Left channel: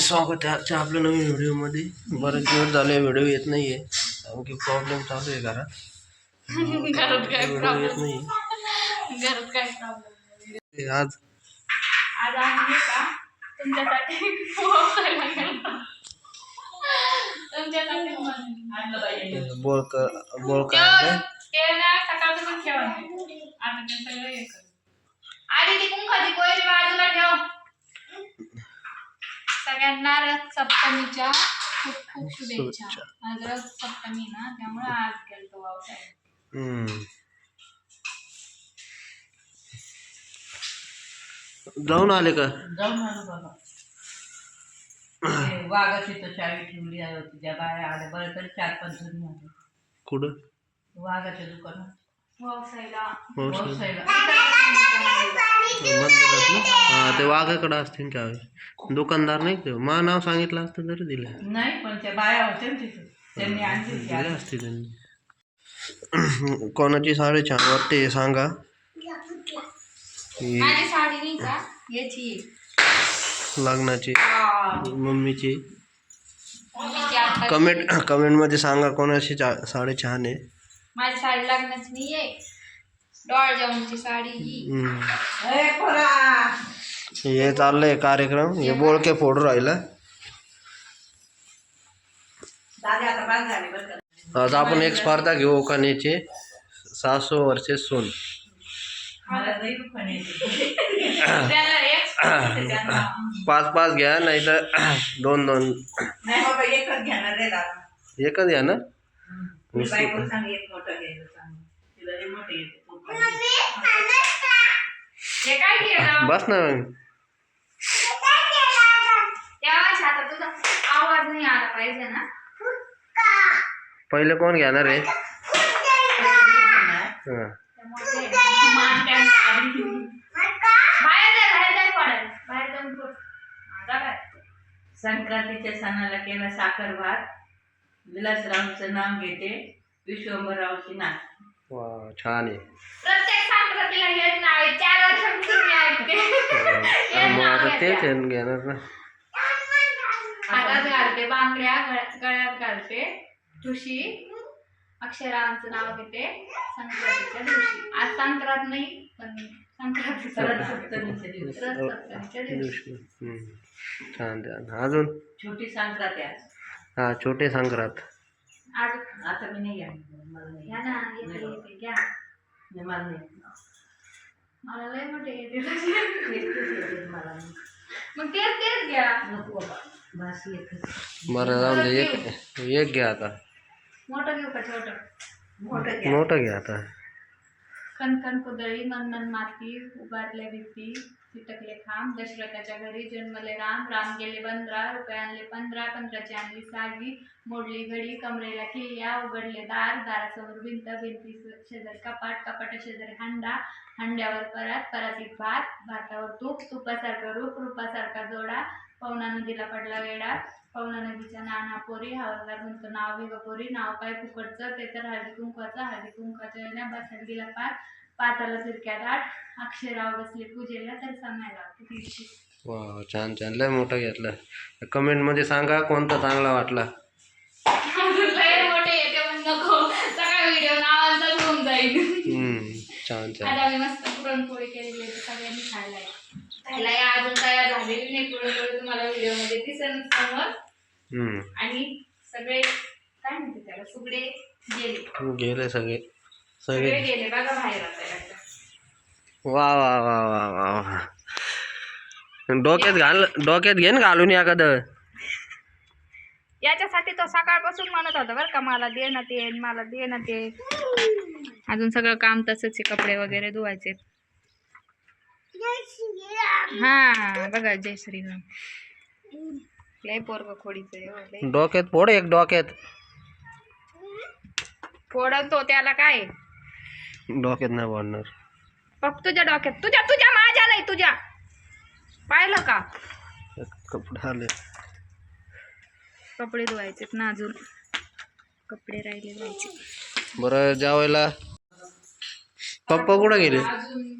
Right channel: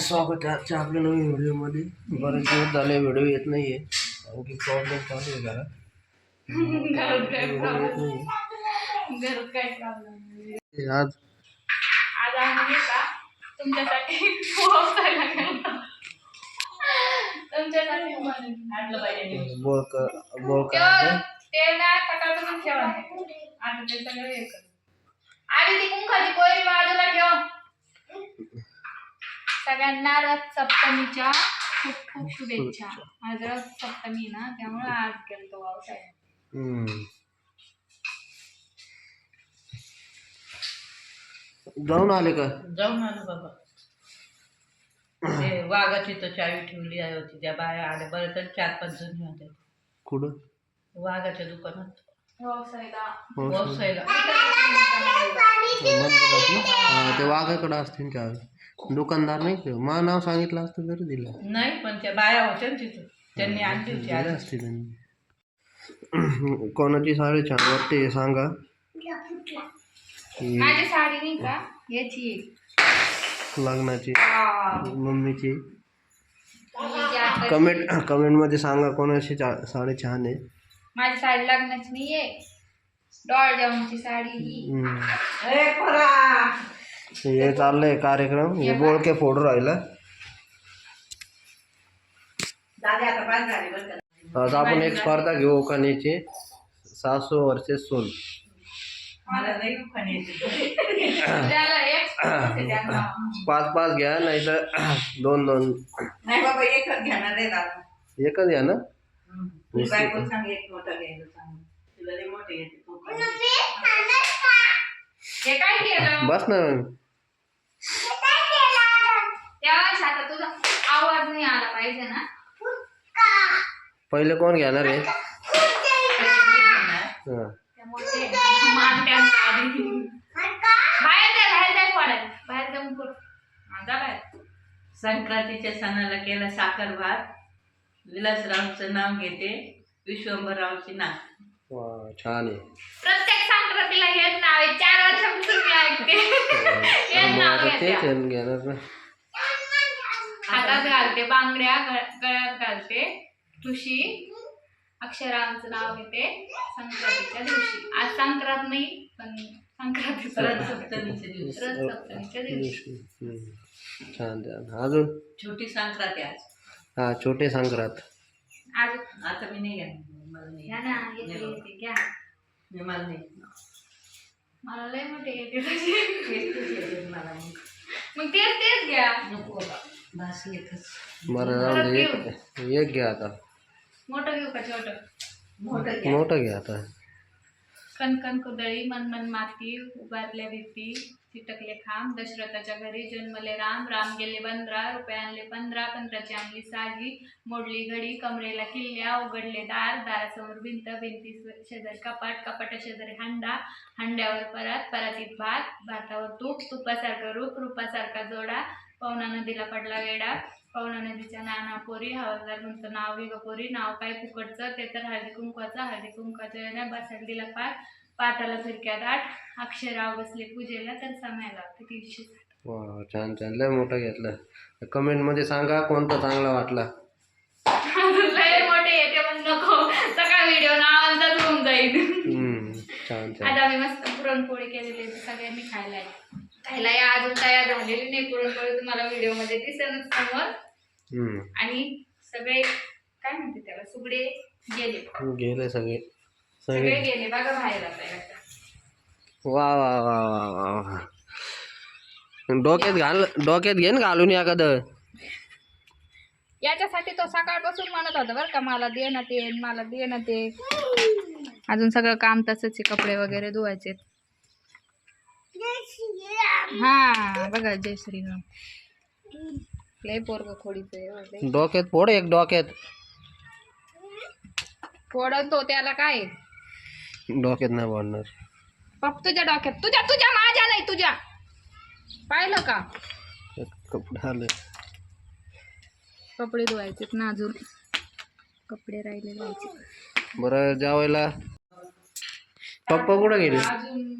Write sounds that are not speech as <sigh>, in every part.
स्वागत आहे आजच्या आपल्या नवीन व्हिडिओमध्ये. बरेच दिवस झाले व्हिडिओ येत नाही आहे कारण की प्रॉब्लेम चालू आहे घरात. घरात काय व्हिडिओ येत नाही घरात काय प्रॉब्लेम आज आज आम्ही नाही का तुमच्यासाठी पोहोचायला गेलो. तुमच्यासाठी आणलं पाहिजे. बोलक बोलका तेव्हा ते ना सकाळपासून ठेवा. आता ते सगळं हे कर. आधी ती कुंखाची कोयरी बाजूला ठेव. सगळ्यांना रथ सप्तमीच्या खूप खूप शुभेच्छा. आज रथ सप्तमी ना त्यामुळे आज गेलतो पावसाळ्यात हम्म. जाऊन आले का? जाऊन आलो बाबा. ते वाघाची तर चावी ठेवली आहे होती त्या बाया आल्या बरं तर चार पाच जणी होत्या कुठं? वाघाच्या दुकानात. मंदिरात ना हा ते वाघाकडे असतील चावी. दुकानदार नाही का? मा नाव सांगितलं असतं तरी दिलं नाही पण त्या बाया होत्या ना तिथं. त्यांनी आणली होती दिले आधी. असते त्यांनी. <clears throat> कोणाची साडी छान वाटते हे सांगा. ही माझी साडी नाही का? याची. लग्नाची मम्मीची. मम्मीची कमेंट कमेंटमध्ये सांगा कोणाची चा- साडी छान आहे. माझी साडी लग्नाची नाही आहे जेवणची साडी ही. हम्म. ए, पोरा! हे चाललंय कार्यक्रम. हे बोळके फोडू राहिला. दादा आता बाद झाले बरं का. आज आपण एक स्पर्धा घेऊ कानेची सासू वर्षे सून. पाच पाच घ्या नाही तर दोन दोन. नाही बाबा एकच घेणार आहे दादा. एकच घ्या ना. मी बायको सांग एक मोठं घ्यायला सांग तिला लई मोठे येते. पोटाला. काय केलं? बस ना. तेव्हा आता तुझा आवाज नाही आला पाहिजे ना पहिले कोण घेणार आहे. हा. त्यामुळे ते मान. बाहेर जा बाहेर जा बाहेर जाऊन पड हा, जा बाहेर संक्रांतीच्या सणाला केला साखर भात विलासरावचं नाव घेते विश्वंभररावची वा छान आहे प्रत्येक संक्रांतीला हेच नाव आहे तेच आहे ना घेणार ना. हातात घालते बांगड्या गळ- गळ्यात घालते. ठुशी अक्षरांचं नाव घेते. संक्रांतीच्या दिवशी. आज संक्रांत नाही पण संक्रांतीचा परत सप्तमीचे दिवस रथ सप्तमीच्या दिवशी. दिवशी. हम्म. छान छान. अजून? छोटी संक्रांती आज. हा छोटे संक्रांत. आज आता मी नाही घेणार. मला नाही घ्या ना येते. येते घ्या. मी मला नाही मला लय मोठे येते <laughs> मला. मग तेच तेच घ्या. नको बाबा भास एकच बरं जाऊन दे एक एक घ्या आता. मोठं घेऊ का छोटं? मोठं घ्या. मोठं घ्या आता. कणकण कुदळी मनमन माती उभारल्या भीती चिटकले खांब दशरथाच्या घरी जन्मले राम राम गेले पंधरा रुपये आणले पंधरा पंधराची आणली सागी मोडली घडी कमरेला किल्ल्या उघडले दार दारासमोर भिंत भिंती शेजारी कपाट कपाटा शेजारी हांडा हांड्यावर परात परातीत भात भातावर तूप तुपासारखं रूप रूपासारखा जोडा पवना नदीला पडला वेडा पवना नदीच्या नाना पोरी हवालदार म्हणतो नाव ग पोरी नाव काय फुकटचं ते तर हळदी कुंकवाचं हळदी कुंकवाच्या येण्या बसायला दिला पाठ पाटाला फिरक्या दाट अक्षराव बसले पूजेला तर समायला तीनशे. वा छान छान लय मोठं घेतलं. कमेंटमध्ये सांगा कोणता चांगला वाटला. <laughs> लय मोठे येते पण नको. सगळा व्हिडिओ नावांचाच होऊन जाईल. छान छान. आता आम्ही मस्त पुरणपोळी केलेली सगळ्यांनी खायला आहे. खायला या अजून तयार झालेली नाही पुरणपोळी तुम्हाला व्हिडिओमध्ये दिसेल समोर. आणि सगळे काय म्हणते त्याला सुगडे गेले. गेले सगळे. सगळे गेले बघा बाहेर आता. वा वा वा वा वा वा. डोक्यात घाल डोक्यात घे ना घालून एखादं. याच्यासाठी तो सकाळपासून म्हणत होता बरं का मला दे ना ते मला दे ना ते. अजून सगळं काम तसंच कपडे वगैरे धुवायचे हा बघा जय श्रीराम लय पोरग खोडीच डोक्यात फोड एक डोक्यात. फोडन तो त्याला काय? डोक्यात नाही पडणार फक्त तुझ्या डोक्यात. तुझ्या तुझ्या माझ्या नाही तुझ्या. पाहिलं का? कपडे आले. कपडे धुवायचेत ना अजून. कपडे राहिले बरं जेवायला. पप्पा कुठं गेले? अजून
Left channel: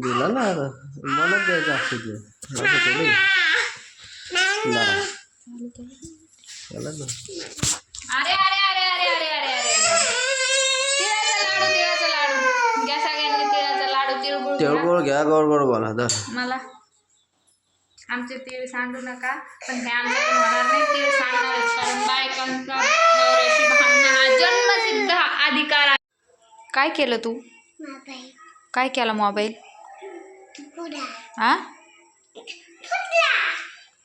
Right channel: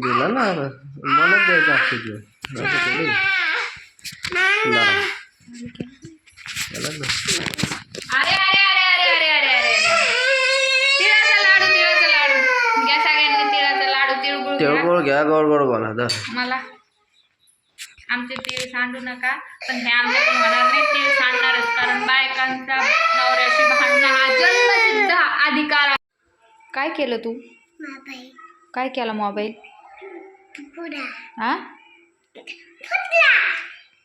दिला ना मला द्यायचा आशीर्वाद लाडू तिळगुळ घ्या गोड गोड बोला दर. मला. आमचे तीळ सांडू नका पण हे आमच्याकडून होणार नाही. तीळ सांडणारच कारण बायकांचा नवऱ्याशी भांडणं हा जन्मसिद्ध अधिकार आहे. काय केलं तू? काय केला मोबाईल? हा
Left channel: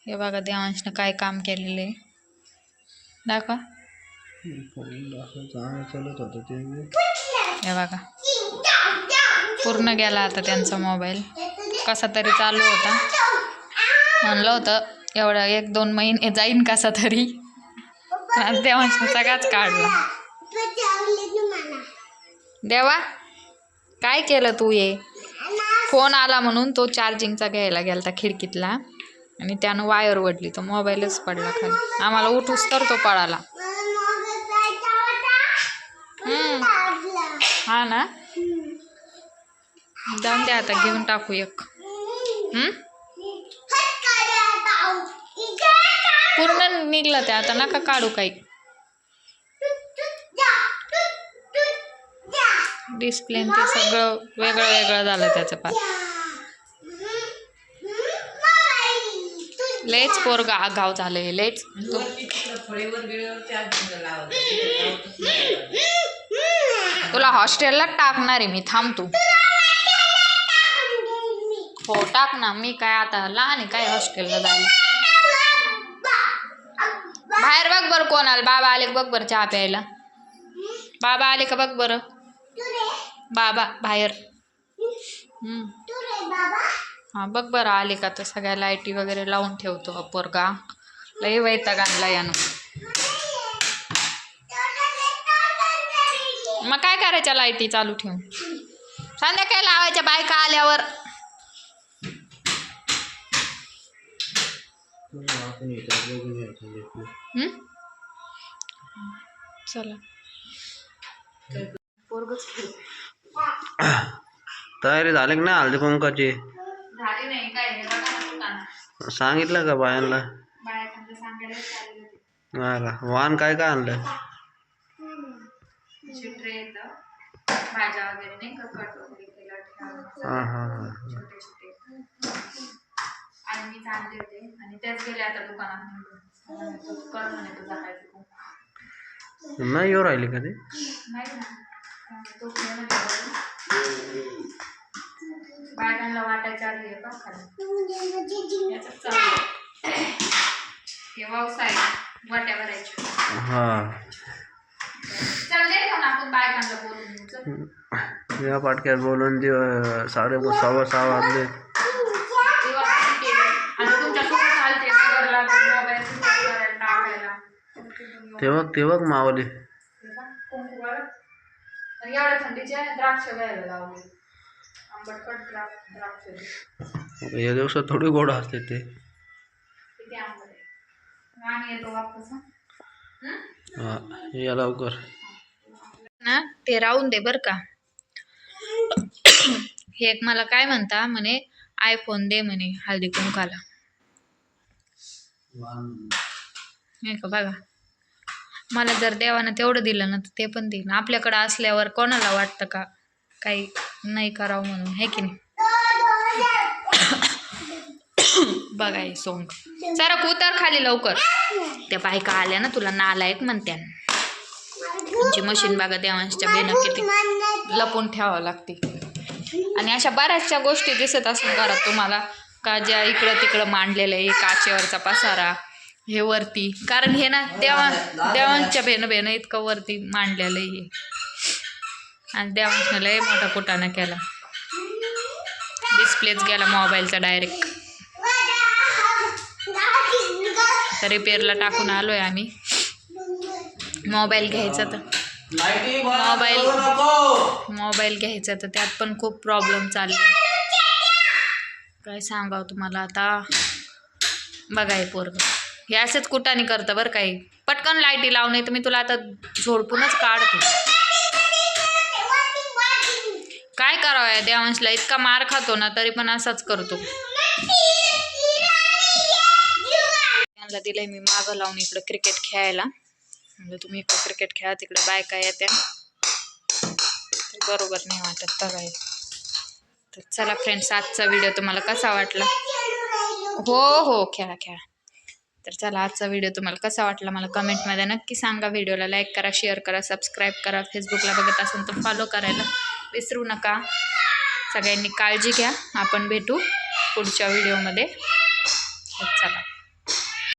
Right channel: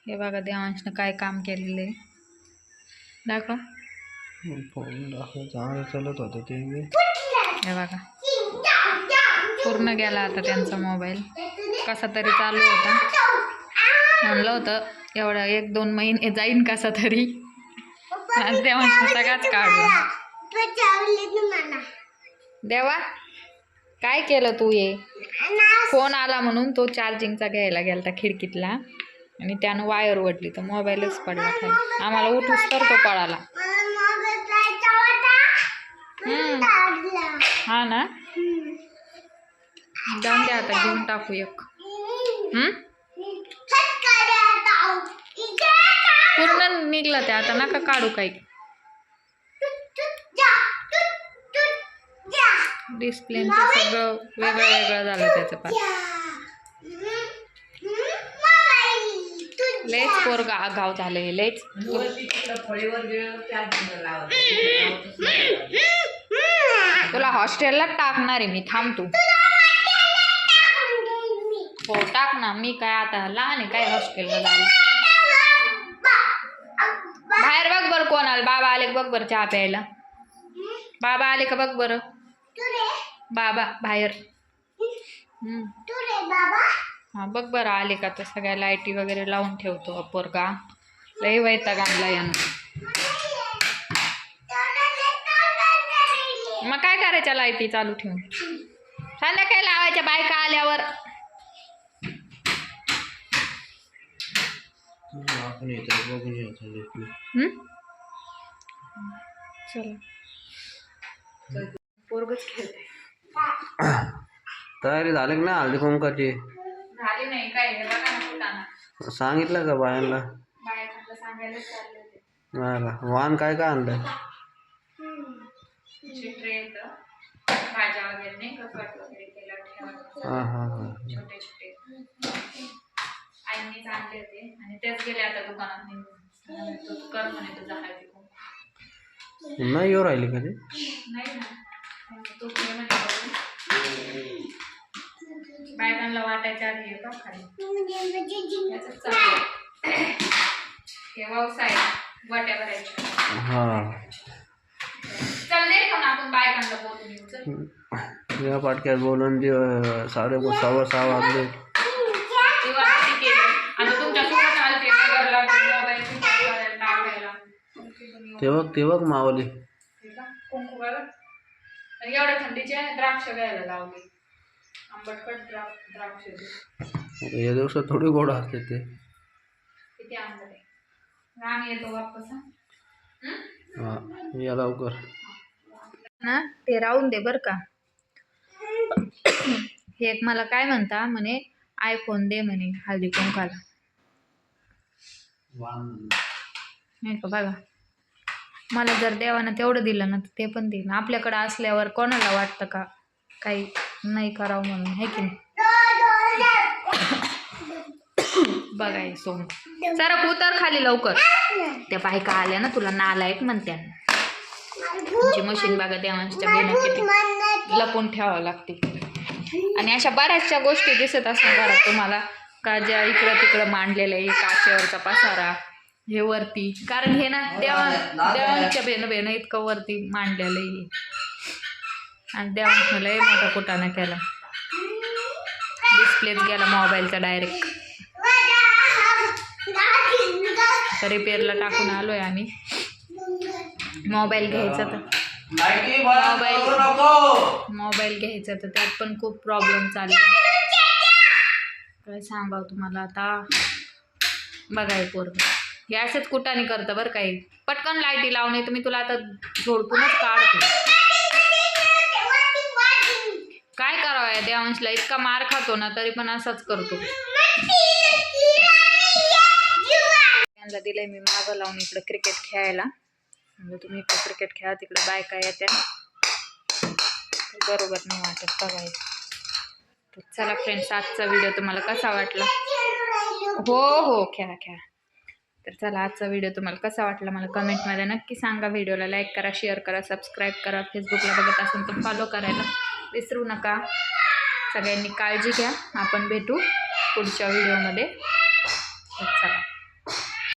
हे बघा देवांशनं काय काम केलेलं आहे. दाखवा. चालत होतं ते हे बघा. पूर्ण गेला आता त्यांचा मोबाईल. कसा तरी चालू होता. म्हणलं होतं एवढा एक दोन महिने जाईन कसा तरी. देवांशनं सगळाच काढला. देवा काय केलं तू ये फोन आला म्हणून तो चार्जिंगचा घ्यायला गेलता खिडकीतला आणि त्यानं वायर ओढली तो मोबाईलच पडला खाली. आम्हाला उठूस तर तो पळाला. हम्म. हा ना? जाऊन द्या आता घेऊन टाकू एक. हम्म? पूर्ण निघलं ते आता नका काढू काही. डिस्प्ले ते सगळं वेगळं वेगळं झालं त्याचं पार लयच पोरगा गाव झालंय लयच. तुला हॉस्टेलला टाकणार आहे मी थांब तू. हो टाक ना. मी काय आता लहान आहे काय हॉस्टेलला जायला? बाहेर बघ बरं कोण आलं बाबा आले का बघ बरं चहा प्यायला? बाबा आले का बघ बरं? बाबा बाहेर. हम्म. हा बघ बरं आले का तर सगळ्या लाईटी वगैरे लावून ठेवतो पोरगा लय वैताग आणला यानं. मग काय करायच्या लाईटी चालू ठेवून? संध्याकाळी लावायच्या बायका आल्यावर? चला. पोरगच खेळते <clears throat> तयारी झाली की नाही हळदी कुंकाची झाली नाही काय हे बघा ना कुठाना सांगितलं का बायांना? बायकांना सांगायला चालले होते. का वाण काय काय आणलं असे ट्रे येतं भाज्या वगैरे नाही का कट वगैरे केला ठेवायला. हां हां हां. छोटे छोटे. आईनीच आणले होते आणि तेच गेले आता दुकानात निघून. तो कर म्हणे तुझा हळदी कुंकू. नाही येऊ राहिली का ते? नाही ना. तू म्हणे. बायकांना वाटायच्या आधी हे बघ हे व्यवसाय वाट्या भरायच्या. हां. चल दे पण आपण बायकांना बोलून चल. या पाटक्यात बोलून दे साडे सव्वा सहा वाजले. तेव्हा किती केलं. आणि तुमच्यासोबत आलते नगरला मोबाईल करायला टाकायला ते बघ ते बघ मावली कुंकू आणि एवढ्या थंडीचे द्राक्ष घ्यायला लावले. आंबटकट द्राक्ष. या दिवसात थोडी गोड असते ते. किती आंबट आहे. आम्ही येतो वापस हं? या लवकर. ना ते राहून दे बर का. हे एक मला काय म्हणता म्हणे आयफोन दे म्हणे हळदी कुंकाला नाही का बघा. मला जर देवानं तेवढं दिलं ना तर ते पण देईन. आपल्याकडं असल्यावर कोणाला वाटतं का? काही नाही करावं म्हणून आहे की नाही? बघा हे सोंग. सरक उतर खाली लवकर. त्या बायका आल्या ना तुला नालायक म्हणत्या. तुमची मशीन बघा देवांच्या बेनं किती लपून ठेवावं लागते. आणि अशा बऱ्याचशा गोष्टी दिसत असतात घरात तुम्हाला. का ज्या इकडं तिकडं मांडलेलं आहे काचेवरचा पसारा. हे वरती. कारण हे ना देवा देवांच्या बेनं बेनं इतकं वरती मांडलेलं आहे हे. आणि देवांशनं लय मोठा कुटाणा केला. डिस्प्लेच गेला मोबाईलचा डायरेक्ट रिपेअरला टाकून आलोय आम्ही. मोबाईल घ्यायचा तर. मोबाईल मोबाईल घ्यायचा तर त्यात पण खूप प्रॉब्लेम चालले काय सांगावं तुम्हाला आता? बघा हे पोरग. हे असंच कुटाने करतं बरं काही. पटकन लाईटी लावून तर मी तुला आता झोडपूनच काढतो. काय करावं या देवांशला? इतका मार खातो ना तरी पण असाच करतो. त्यांना दिलंय मी मागं लावून इकडं क्रिकेट खेळायला. म्हणजे तुम्ही इकडं क्रिकेट खेळा तिकडे बायका येत्या. बरोबर नाही वाटत बघाय तर चला फ्रेंड्स आजचा व्हिडिओ तुम्हाला कसा वाटला? हो हो खेळा खेळा. तर चला आजचा व्हिडिओ तुम्हाला कसा वाटला मला कमेंटमध्ये नक्की सांगा. व्हिडिओला लाईक करा शेअर करा सबस्क्राईब करा. फेसबुकला बघत असेल तर फॉलो करायला विसरू नका. सगळ्यांनी काळजी घ्या. आपण भेटू पुढच्या व्हिडिओमध्ये चला.